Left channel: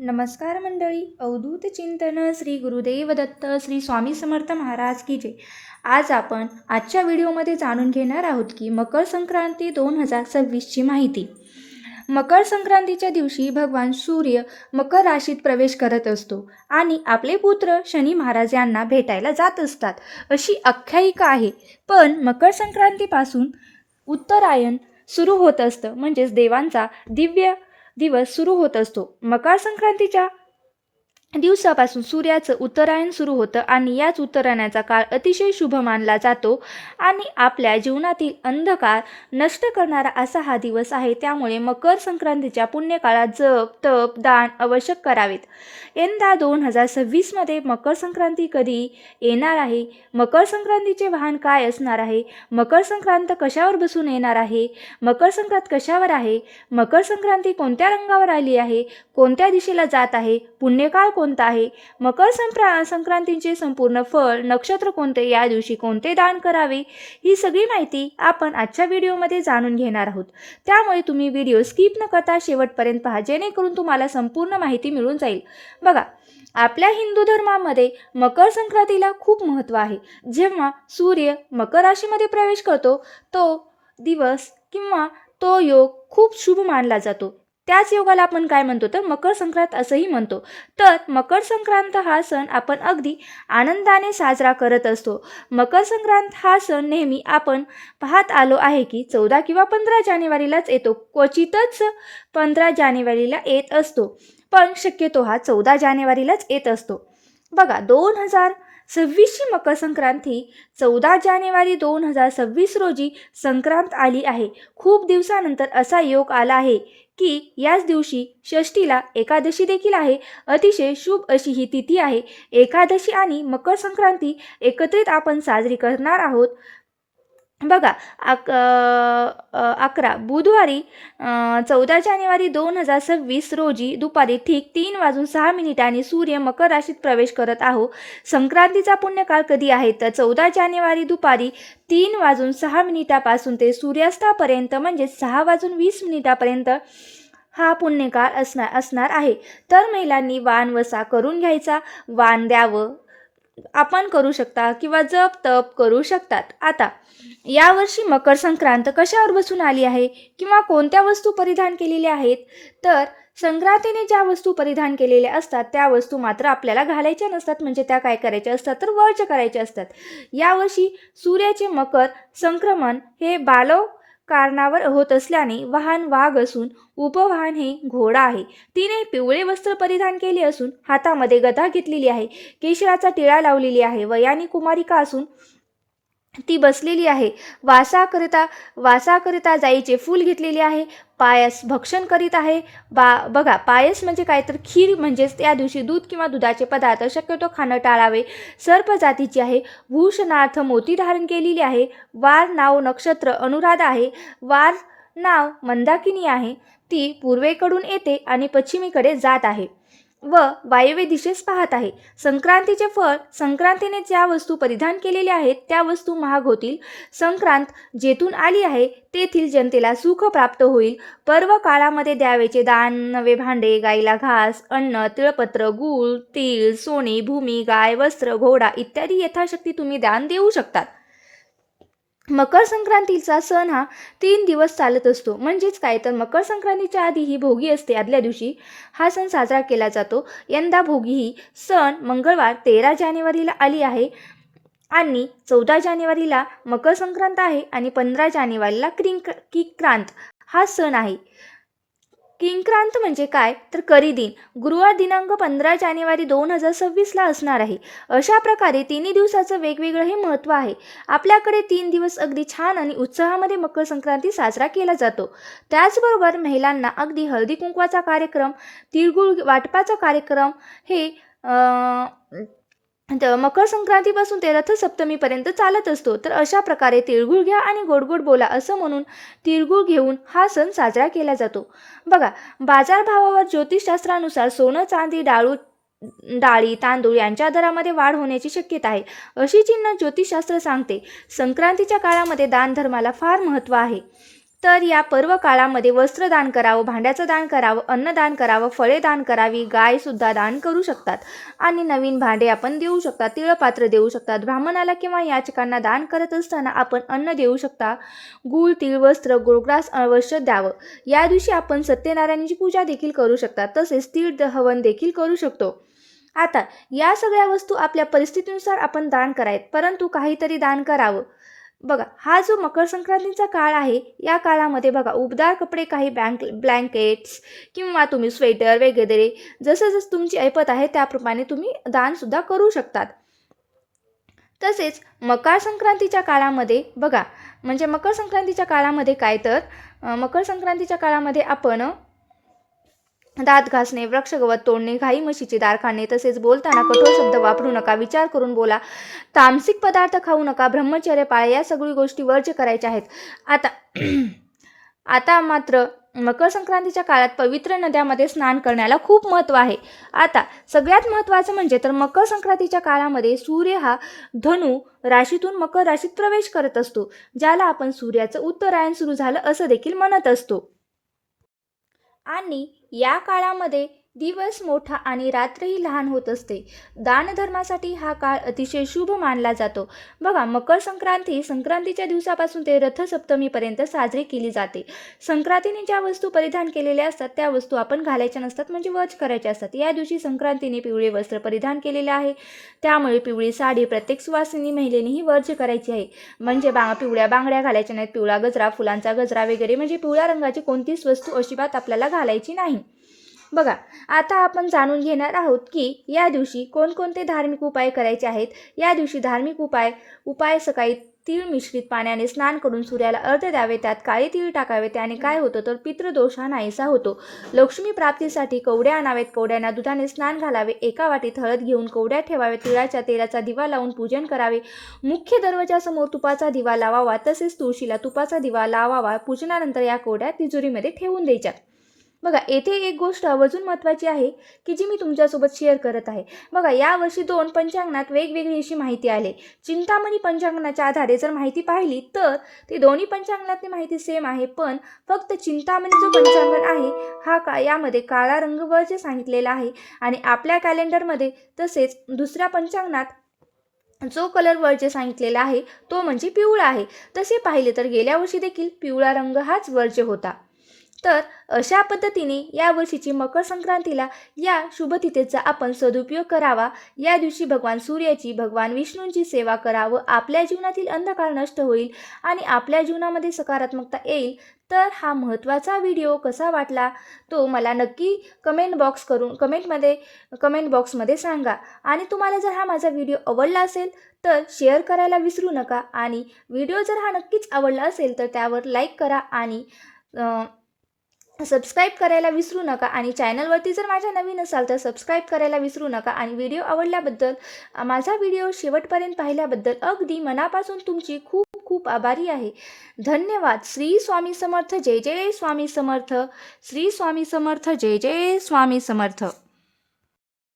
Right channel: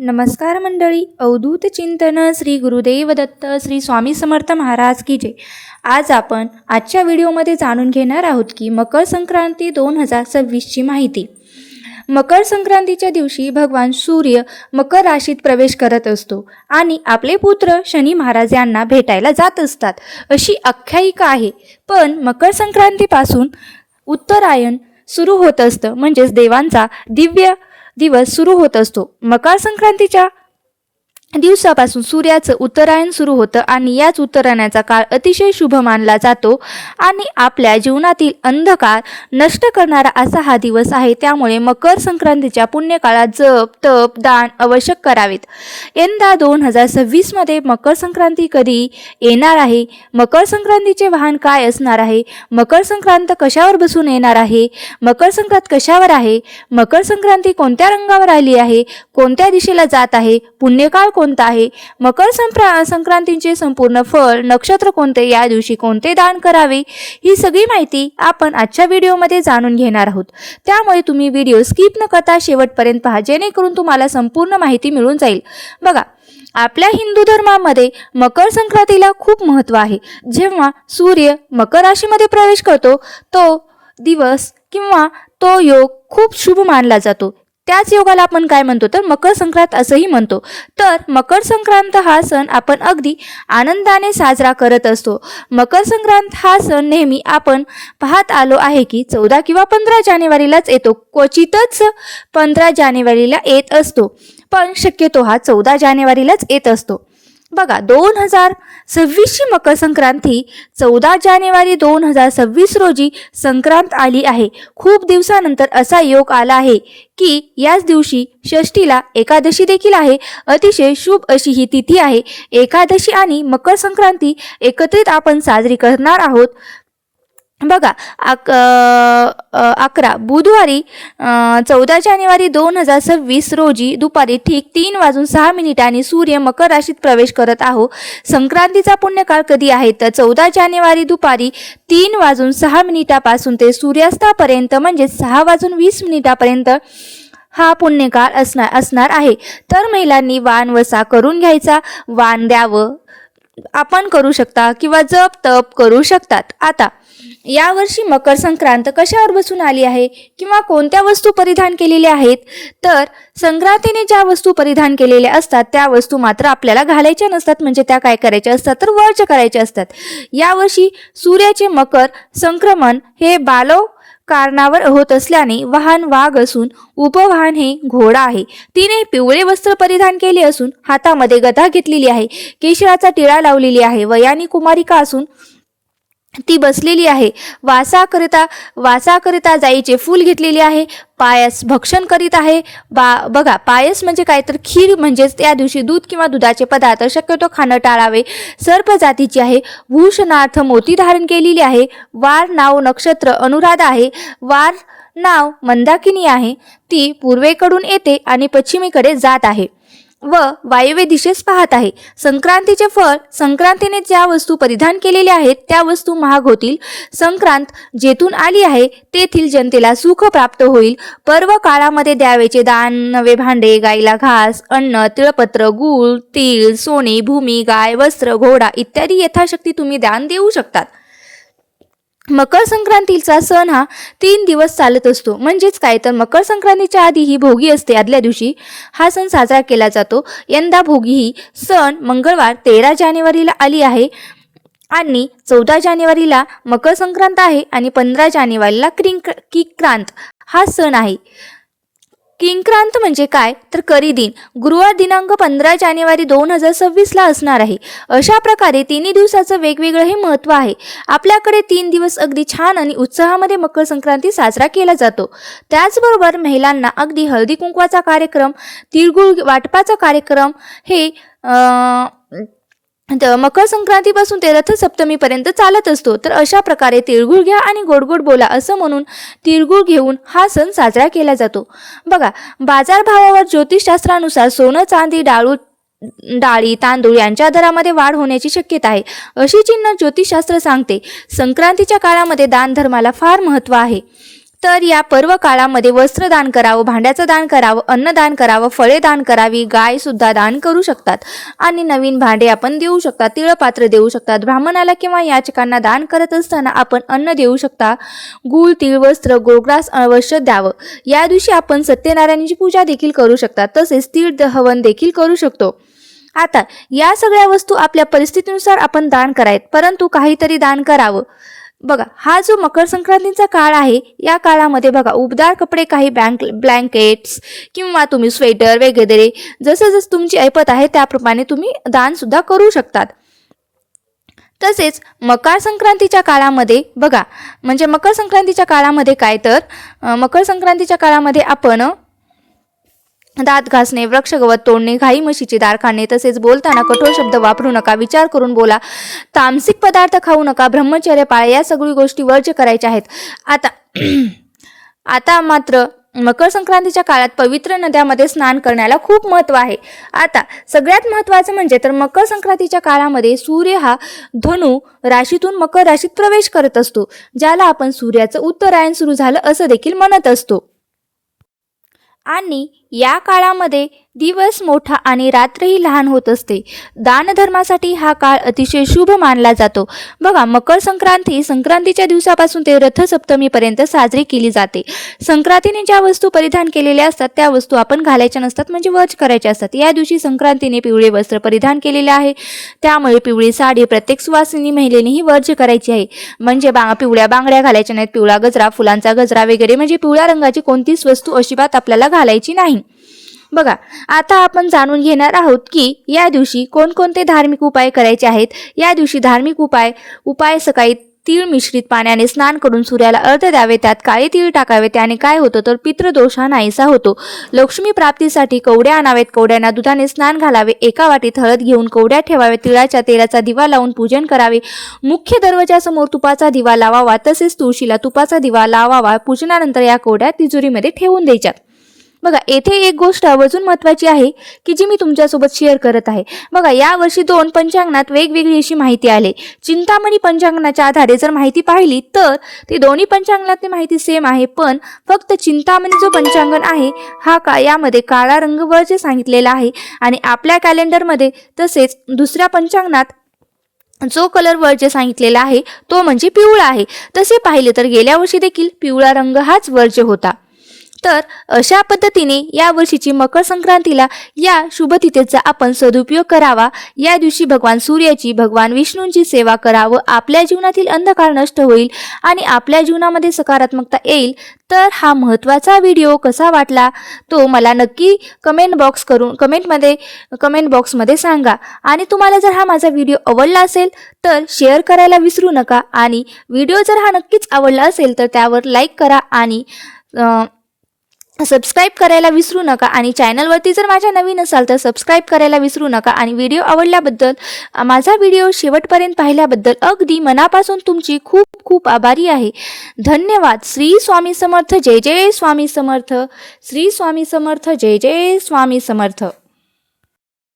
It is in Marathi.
नमस्कार मंडळी अवधूत चिंतन श्री गुरुदेव दत्त श्री स्वामी समर्थ महाराज की जय. आज आपण आजच्या व्हिडिओमध्ये जाणून घेणार आहोत की मकर संक्रांती दोन हजार सव्वीसची माहिती. मकर संक्रांतीच्या दिवशी भगवान सूर्य मकर राशीत प्रवेश करत असतो आणि आपले पुत्र शनी महाराज यांना भेटायला जात असतात. अशी आख्यायिका आहे. पण मकर संक्रांतीपासून उत्तरायण सुरू होत असतं. म्हणजेच देवांचा दिव्य दिवस सुरू होत असतो. मकर संक्रांतीच्या दिवसापासून सूर्याचं उत्तरायण सुरू होतं आणि याच उत्तरायणाचा काळ अतिशय शुभ मानला जातो आणि आपल्या जीवनातील अंधकार नष्ट करणारा असा हा दिवस आहे. त्यामुळे मकर संक्रांतीच्या पुण्यकाळात जप तप दान आवश्यक करावेत. यंदा दोन हजार सव्वीसमध्ये मकर संक्रांती कधी येणार आहे? मकर संक्रांतीचे वाहन काय असणार आहे? मकर संक्रांत कशावर बसून येणार आहे? मकर संक्रांत कशावर आहे? मकर संक्रांती कोणत्या रंगावर आली आहे? कोणत्या दिशेला जात आहे? पुण्यकाळ कोणता आहे? मकर संप्रा संक्रांतीचे संपूर्ण फळ नक्षत्र कोणते? या दिवशी कोणते दान करावे? ही सगळी माहिती आपण आजच्या व्हिडिओमध्ये जाणून घेणार आहोत. त्यामुळे तुम्ही व्हिडिओ स्किप न करता शेवटपर्यंत पहा जेणेकरून तुम्हाला संपूर्ण माहिती मिळून जाईल. बघा आपल्या हिंदू धर्मामध्ये मकर संक्रांतीला खूप महत्त्व आहे. जेव्हा सूर्य मकर राशीमध्ये प्रवेश करतो तो दिवस किंवा तो योग खूप शुभ मानला जातो. त्याच योगाला आपण काय म्हणतो? तर मकर संक्रांत असंही म्हणतो. तर मकर संक्रांत हा सण आपण अगदी आनंदाने साजरा करत असतो. मकर संक्रांत हा सण नेहमी आपण पाहत आलो आहे की चौदा किंवा पंधरा जानेवारीलाच येतो. क्वचितच पंधरा जानेवारीला येत असतो. पण शक्यतो हा चौदा जानेवारीलाच येत असतो. बघा दोन हजार सव्वीसची मकर संक्रांती चौदा जानेवारी दोन हजार सव्वीस रोजी संक्रांत आली आहे. खूप दिवसानंतर असा योग आला आहे की याच दिवशी षष्टीला एकादशी देखील आहे. अतिशय शुभ अशी ही तिथी आहे. एकादशी आणि मकर संक्रांती एकत्रित आपण साजरी करणार आहोत. बघा अक अकरा. बुधवारी चौदा जानेवारी दोन हजार सव्वीस रोजी दुपारी ठीक तीन वाजून सहा मिनिटांनी सूर्य मकर राशीत प्रवेश करत आहो. संक्रांतीचा पुण्यकाळ कधी आहे? तर चौदा जानेवारी दुपारी तीन वाजून सहा मिनिटापासून ते सूर्यास्तापर्यंत म्हणजे सहा वाजून वीस मिनिटापर्यंत हा पुण्यकाळ असणार असणार आहे. तर महिलांनी वाण वसा करून घ्यायचा. वाण द्यावं. आपण करू शकता किंवा जप तप करू शकतात. आता यावर्षी मकर संक्रांत कशावर बसून आली आहे? किंवा कोणत्या वस्तू परिधान केलेल्या आहेत? तर संक्रांतीने ज्या वस्तू परिधान केलेल्या असतात त्या वस्तू मात्र आपल्याला घालायच्या नसतात. म्हणजे त्या काय करायच्या असतात? तर वर्ज करायच्या असतात. यावर्षी सूर्याचे मकर संक्रमण हे बालव कारणावर होत असल्याने वाहन वाघ असून उपवाहन हे घोडा आहे. तिने पिवळे वस्त्र परिधान केले असून हातामध्ये गदा घेतलेली आहे. केशराचा टिळा लावलेली आहे. वयानी कुमारिका असून ती बसलेली आहे. वासाकरिता वासाकरिता जाईचे फूल घेतलेले आहे. पायस भक्षण करीत आहे. बा बघा पायस म्हणजे काय तर खीर म्हणजेच त्या दिवशी दूध किंवा दुधाचे पदार्थ शक्यतो खाणं टाळावे. सर्प जातीची आहे. भूषणार्थ मोती धारण केलेली आहे. वार नाव नक्षत्र अनुराधा आहे. वार नाव मंदाकिनी आहे. ती पूर्वेकडून येते आणि पश्चिमेकडे जात आहे. व वायव्य दिशेस पाहत आहे. संक्रांतीचे फळ संक्रांतीने ज्या वस्तू परिधान केलेल्या आहेत त्या वस्तू महाग होतील. संक्रांत जेथून आली आहे तेथील जनतेला सुख प्राप्त होईल. पर्व काळामध्ये द्यावेचे दान नवे भांडे गाईला घास अन्न तिळपत्र गूळ तीळ सोने भूमी गाय वस्त्र घोडा इत्यादी यथाशक्ती तुम्ही दान देऊ शकतात. मकर संक्रांतीचा सण हा तीन दिवस चालत असतो. म्हणजेच काय? तर मकर संक्रांतीच्या आधी ही भोगी असते. आदल्या दिवशी हा सण साजरा केला जातो. यंदा भोगी ही सण मंगळवार तेरा जानेवारीला आली आहे आणि चौदा जानेवारीला मकर संक्रांत आहे आणि पंधरा जानेवारीला क्रिंक किक्रांत हा सण आहे. किंक्रांत म्हणजे काय? तर करी दिन. गुरुवार दिनांक पंधरा जानेवारी दोन हजार सव्वीसला असणार आहे. अशा प्रकारे तिन्ही दिवसाचं वेगवेगळं हे महत्त्व आहे. आपल्याकडे तीन दिवस अगदी छान आणि उत्साहामध्ये मकर संक्रांती साजरा केला जातो. त्याचबरोबर महिलांना अगदी हळदी कुंकवाचा कार्यक्रम तिळगुळ वाटपाचा कार्यक्रम हे आ... तर मकर संक्रांतीपासून ते रथसप्तमीपर्यंत चालत असतो. तर अशा प्रकारे तिळगुळ घ्या आणि गोड गोड बोला असं म्हणून तिळगुळ घेऊन हा सण साजरा केला जातो. बघा बाजारभावावर ज्योतिषशास्त्रानुसार सोनं चांदी डाळू डाळी तांदूळ यांच्या दरामध्ये वाढ होण्याची शक्यता आहे. अशी चिन्ह ज्योतिषशास्त्र सांगते. संक्रांतीच्या काळामध्ये दानधर्माला फार महत्त्व आहे. तर या पर्व काळामध्ये वस्त्र दान करावं भांड्याचं दान करावं अन्नदान करावं फळे दान करावी गाय सुद्धा दान करू शकतात. आणि नवीन भांडे आपण देऊ शकता तिळपात्र देऊ शकतात. ब्राह्मणाला किंवा याचकांना दान करत असताना आपण अन्न देऊ शकता. गुळ तीळ वस्त्र गोग्रास अवश्य द्यावं. या दिवशी आपण सत्यनारायणाची पूजा देखील करू शकता तसेच तीळ हवन देखील करू शकतो. आता या सगळ्या वस्तू आपल्या परिस्थितीनुसार आपण दान करायत परंतु काहीतरी दान करावं. बघा हा जो मकर संक्रांतीचा काळ आहे या काळामध्ये बघा उबदार कपडे काही बँक ब्लँकेट्स किंवा तुम्ही स्वेटर वगैरे जसं जसं तुमची ऐपत आहे त्याप्रमाणे तुम्ही दान सुद्धा करू शकतात. तसेच मकर संक्रांतीच्या काळामध्ये बघा म्हणजे मकर संक्रांतीच्या काळामध्ये काय तर मकर संक्रांतीच्या काळामध्ये आपण दात घासणे वृक्षगवत तोडणे घाई म्हशीचे दार खाणे तसेच बोलताना कठोर शब्द वापरू नका विचार करून बोला. तामसिक पदार्थ खाऊ नका ब्रह्मचर्य पाळा या सगळी गोष्टी वर्ज्य करायच्या आहेत. आता आता मात्र मकर संक्रांतीच्या काळात पवित्र नद्यामध्ये स्नान करण्याला खूप महत्त्व आहे. आता सगळ्यात महत्त्वाचं म्हणजे तर मकर संक्रांतीच्या काळामध्ये सूर्य हा धनु राशीतून मकर राशीत प्रवेश करत असतो ज्याला आपण सूर्याचं उत्तरायण सुरू झालं असं देखील म्हणत असतो. आणि या काळामध्ये दिवस मोठा आणि रात्रही लहान होत असते. दानधर्मासाठी हा काळ अतिशय शुभ मानला जातो. बघा मकर संक्रांती संक्रांतीच्या दिवसापासून ते रथसप्तमीपर्यंत साजरी केली जाते. संक्रांतीने ज्या वस्तू परिधान केलेल्या असतात त्या वस्तू आपण घालायच्या नसतात म्हणजे वज करायच्या असतात. या दिवशी संक्रांतीने पिवळे वस्त्र परिधान केलेले आहे. त्यामुळे पिवळी साडी प्रत्येक सुवासिनी महिलेनेही वर्ज करायची आहे. म्हणजे बा पिवळ्या बांगड्या घालायच्या नाहीत पिवळा गजरा फुलांचा गजरा वगैरे म्हणजे पिवळ्या रंगाची कोणतीच वस्तू अजिबात आपल्याला घालायची नाही. बघा आता आपण जाणून घेणार आहोत की या दिवशी कोणकोणते धार्मिक उपाय करायचे आहेत. या दिवशी धार्मिक उपाय उपाय सकाळी तीळ मिश्रित पाण्याने स्नान करून सूर्याला अर्ध द्यावे त्यात काळे तीळ टाकावे त्याने काय होतं तर पितृदोष हा नाहीसा होतो. लक्ष्मी प्राप्तीसाठी कवड्या आणावेत कवड्यांना दुधाने स्नान घालावे एका वाटीत हळद घेऊन कवड्या ठेवावे तिळाच्या तेलाचा दिवा लावून पूजन करावे. मुख्य दरवाजासमोर तुपाचा दिवा लावावा तसेच तुळशीला तुपाचा दिवा लावावा पूजनानंतर या कवड्या तिजोरीमध्ये ठेवून द्यायच्या. बघा येथे एक गोष्ट अजून महत्त्वाची आहे की जी मी तुमच्यासोबत शेअर करत आहे. बघा यावर्षी दोन पंचांगणात वेगवेगळी अशी माहिती आली. चिंतामणी पंचांगणाच्या आधारे जर माहिती पाहिली तर ती दोन्ही पंचांगणातली माहिती सेम आहे पण फक्त चिंतामणी जो पंचांगण आहे हा का यामध्ये काळा रंग वर्ज सांगितलेला आहे आणि आपल्या कॅलेंडरमध्ये तसेच दुसऱ्या पंचांगणात जो कलर वर्ज सांगितलेला आहे तो म्हणजे पिवळा आहे. तसे पाहिले तर गेल्या वर्षी देखील पिवळा रंग हाच वर्ज होता. तर अशा पद्धतीने या वर्षीची मकर संक्रांतीला या शुभतिथेचा आपण सदुपयोग करावा. या दिवशी भगवान सूर्याची भगवान विष्णूंची सेवा करावं. आपल्या जीवनातील अंधकार नष्ट होईल आणि आपल्या जीवनामध्ये सकारात्मकता येईल. तर हा महत्त्वाचा व्हिडिओ कसा वाटला तो मला नक्की कमेंट बॉक्स करून कमेंटमध्ये कमेंट बॉक्समध्ये सांगा. आणि तुम्हाला जर हा माझा व्हिडिओ आवडला असेल तर शेअर करायला विसरू नका. आणि व्हिडिओ जर हा नक्कीच आवडला असेल तर त्यावर लाईक करा आणि सबस्क्राईब करायला विसरू नका आणि चॅनलवरती जर माझ्या नवीन असाल तर सबस्क्राईब करायला विसरू नका आणि व्हिडिओ आवडल्याबद्दल माझा व्हिडिओ शेवटपर्यंत पाहिल्याबद्दल अगदी मनापासून तुमची खूप खूप आभारी आहे. धन्यवाद. श्री स्वामी समर्थ. जय जय स्वामी समर्थ. श्री स्वामी समर्थ. जय जय स्वामी समर्थ.